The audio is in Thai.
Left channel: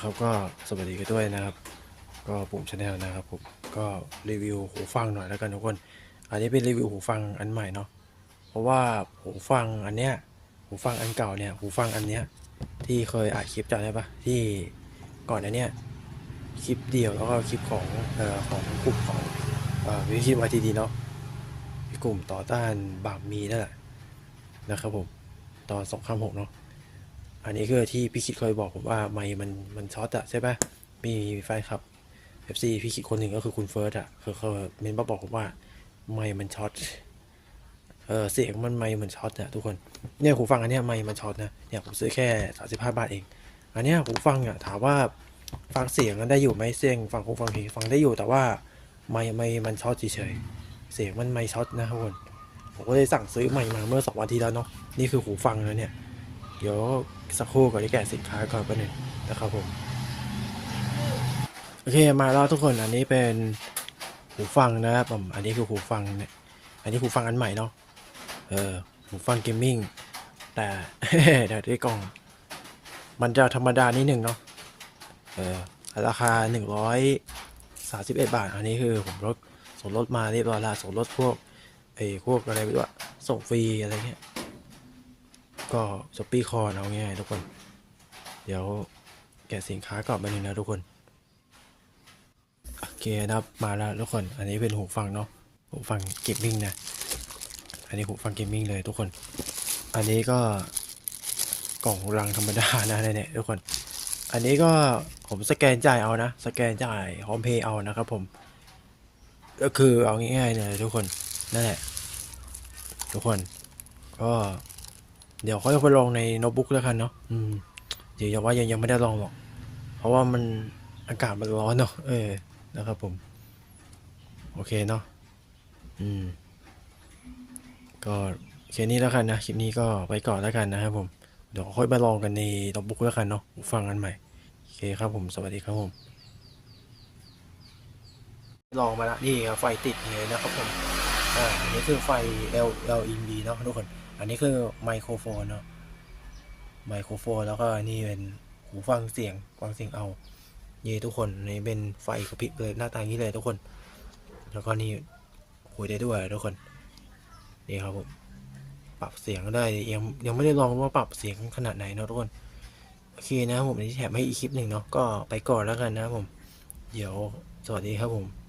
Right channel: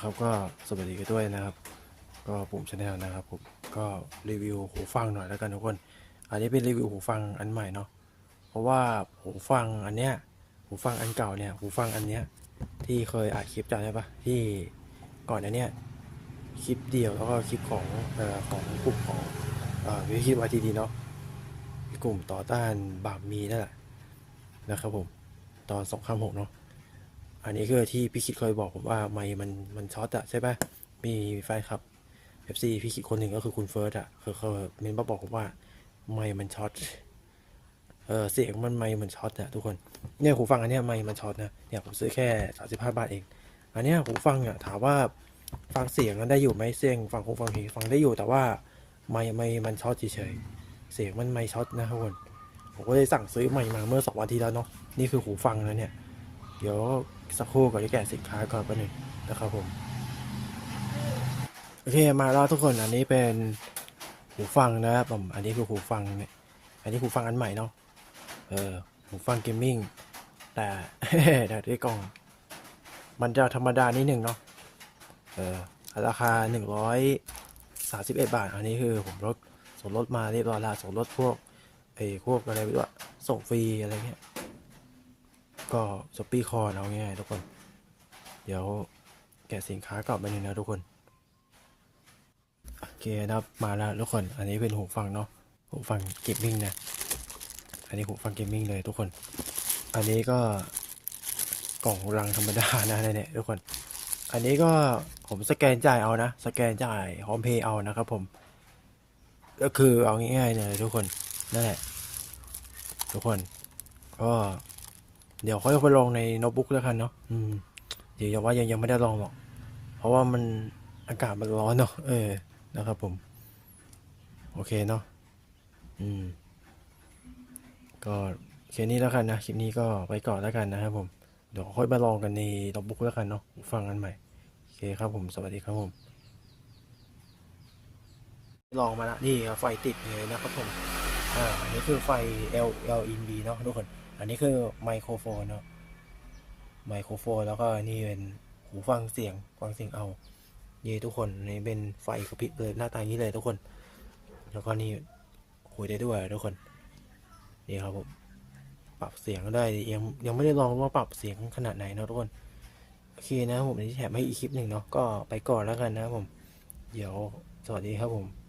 นะครับก็สวัสดีกันด้วยนะครับ ก็ผมชาแนลนะครับผมก็รีวิวหูฟังหน่อยแล้วกันทุกคน อันนี้เป็นรีวิวหูฟังอันใหม่เนาะเพราะว่าหูฟังอันเนี้ยหูฟังอันเก่าเนี่ยหูฟังอันเนี้ยที่เคยอัดคลิปจำได้ปะที่ก่อนอันเนี้ยคลิปเดียวแล้วก็คลิปของเอ่อของกลุ่มของเอ่อวิคิดวาทีดีเนาะกลุ่มต่อต้านบาปมีนั่นแหละนะครับผมตอนสองข้ามหกเนาะ อันนี้คือที่พี่คิดเคยบอกผมว่าไมค์มันมันช็อตอะใช่ปะมีแฟคลับเอฟซีพี่คิดคนหนึ่งก็คือคุณเฟิร์สอะคือเขาเมนมาบอกผมว่าไมค์มันช็อตเออเสียงมันไมค์มันช็อตอะทุกคนเนี่ยหูฟังอันเนี้ยไมค์มันช็อตนะเนี่ยผมซื้อแค่สามสิบห้าบาทเอง อันเนี้ยหูฟังอะถามว่าฟังเสียงมันได้อยู่ไหมเสียงฟังหูฟังเพลงฟังได้อยู่แต่ว่าไมค์ไมค์มันช็อตเฉยเสียงมันไมค์ช็อตนะทุกคนผมก็เลยสั่งซื้อใหม่มาเมื่อสองวันที่แล้วเนาะนี่คือหูฟังนะเนี่ย เดี๋ยวสักครู่ก่อนที่แกะสินค้าก่อนไปบนึงนะครับผม โอเคมาแล้วทุกคนอันนี้เป็นหูฟังนะครับผมอันนี้คือหูฟังเนี่ยอันนี้หูฟังอันใหม่เนาะเออหูฟังเกมมิ่งแต่เดี๋ยวด้วยกล่อง มันจะธรรมดานิดหนึ่งเนาะเออราคาหนึ่งร้อยสามสิบเอ็ดบาท อันนี้คือผมลดส่วนลดมาเรียบร้อยแล้วส่วนลดพวกไอ้พวกอะไรไม่รู้อะส่งฟรีอะไรเงี้ย ก็สปีคอนเอาง่ายๆทุกคน เดี๋ยวแกะสินค้าก่อนมาเลยนะทุกคน โอเคนะครับมาแล้วทุกคน อันนี้เป็นหูฟังเนาะหูฟังเกมมิ่งนะ อันนี้หูฟังเกมมิ่งเลยทุกคน อันนี้ก็กล่องรังธรรมดานะเนี่ยทุกคน อันนี้ก็ผมสแกนจ่ายเอานะ สแกนจ่ายพร้อมเพย์เอานะครับผม ก็คือเอาง่ายๆเลยทุกคน นั่นแหละ ทุกคนก็ เดี๋ยวค่อยไปลองในโน้ตบุ๊กแล้วกันเนาะอืมเดี๋ยวยังว่ายังยังไม่ได้ลองหรอก เพราะว่ามันอากาศมันร้อนเนาะเออนะครับผม โอเคเนาะอืม ก็แค่นี้แล้วกันนะคลิปนี้ก็ไปก่อนแล้วกันนะครับผมเดี๋ยวค่อยไปลองกันในโน้ตบุ๊กแล้วกันเนาะฟังกันใหม่โอเคครับผมสวัสดีครับผมลองมาละนี่ครับไฟติดเลยนะครับผมอ่านนี้คือไฟ L LED เนาะทุกคน อันนี้คือไมโครโฟนเนาะไมโครโฟนแล้วก็นี่เป็นหูฟังเสียงฟังเสียงเอานี่ทุกคนนี่เป็นไฟกระพริบเลยหน้าตาอย่างนี้เลยทุกคน แล้วก็นี่คุยได้ด้วยทุกคนนี่ครับผมปรับเสียงได้ยังยังไม่ได้ลองว่าปรับเสียงขนาดไหนเนาะทุกคนโอเคนะผมนนี้แถมให้อีกคลิปหนึ่งเนาะก็ไปก่อนแล้วกันนะผม เดี๋ยวสวัสดีครับผม